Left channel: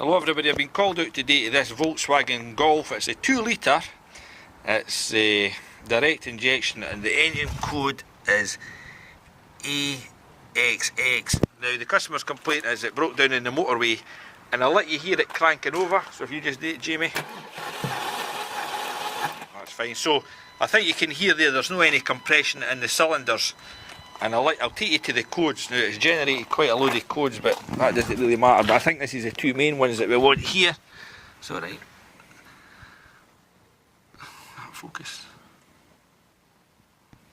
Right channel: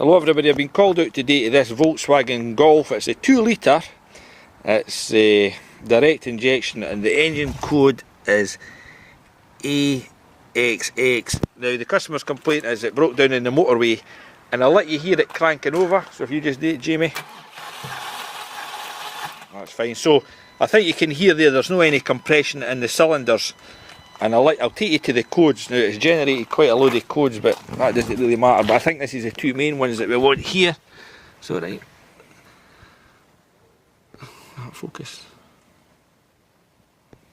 Hello everybody, I've been called out today to this Volkswagen Golf. It's a 2 litre, it's a direct injection and the engine code is AXX. Now the customer's complaint is it broke down in the motorway, and I'll let you hear it cranking over, so if you just do it, Jamie. That's fine. So I think you can hear there's no any compression in the cylinders. And I'll take you to the codes. Now it's generated quite a load of codes, but that doesn't really matter. But I think this is the two main ones that we want here. So right, focus.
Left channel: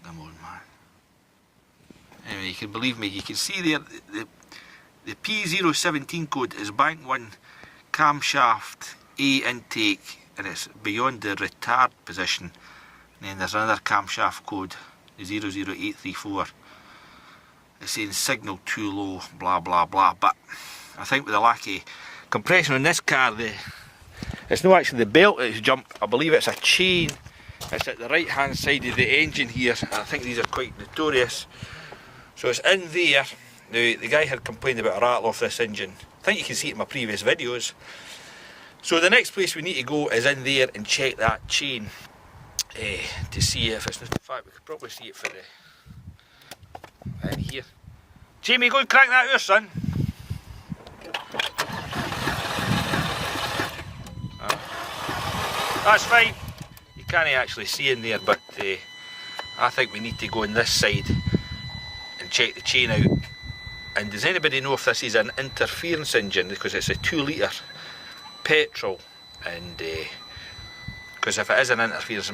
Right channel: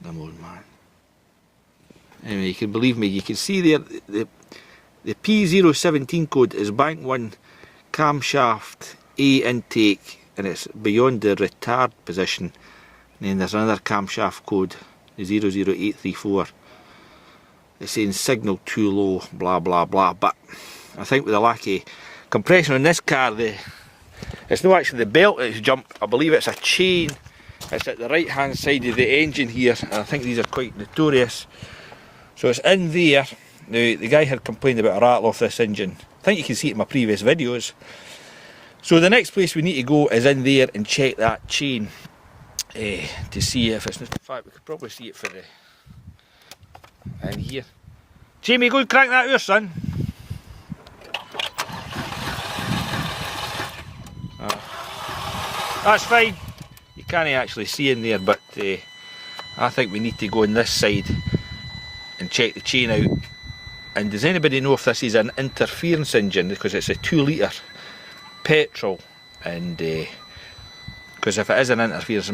Come on, man. Anyway, you can believe me. You can see there the P017 code is bank 1 camshaft A intake, and it's beyond the retard position. And then there's another camshaft code, the 00834. It's saying signal too low, blah blah blah. But I think with the lack of compression on this car, it's not actually the belt that's jumped. I believe it's a chain. It's at the right hand side of the engine here, and I think these are quite notorious. So it's in there. Now the guy had complained about a rattle off this engine. I think you can see it in my previous videos. So the next place we need to go is in there and check that chain to see if it's. In fact, we could probably see it for the. In here. Jamie, go and crank that out, son. That's fine. You can't actually see in there, but I think we need to go on this side and check the chain out. And does anybody know if this is an interference engine? Because it's a 2 litre petrol, and because if it is an interference,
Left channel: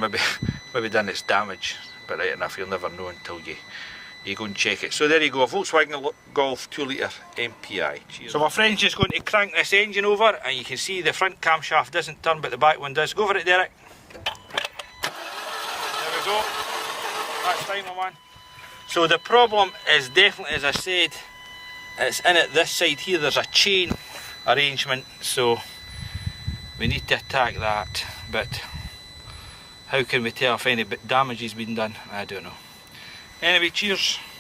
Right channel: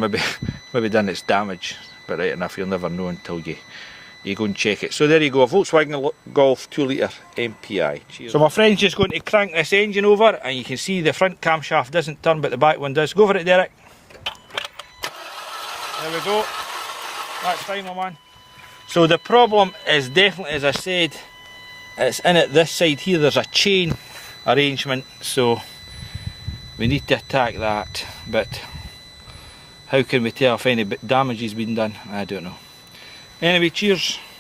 maybe done its damage. But right enough, you'll never know until you go and check it. So there you go, a Volkswagen Golf 2 litre MPI. Cheers. So my friend's just going to crank this engine over, and you can see the front camshaft doesn't turn but the back one does. Go for it, Derek. There we go. That's fine, my man. So the problem is definitely, as I said, it's in it this side here. There's a chain arrangement, so we need to attack that. But how can we tell if any damage has been done? I don't know. Anyway, cheers.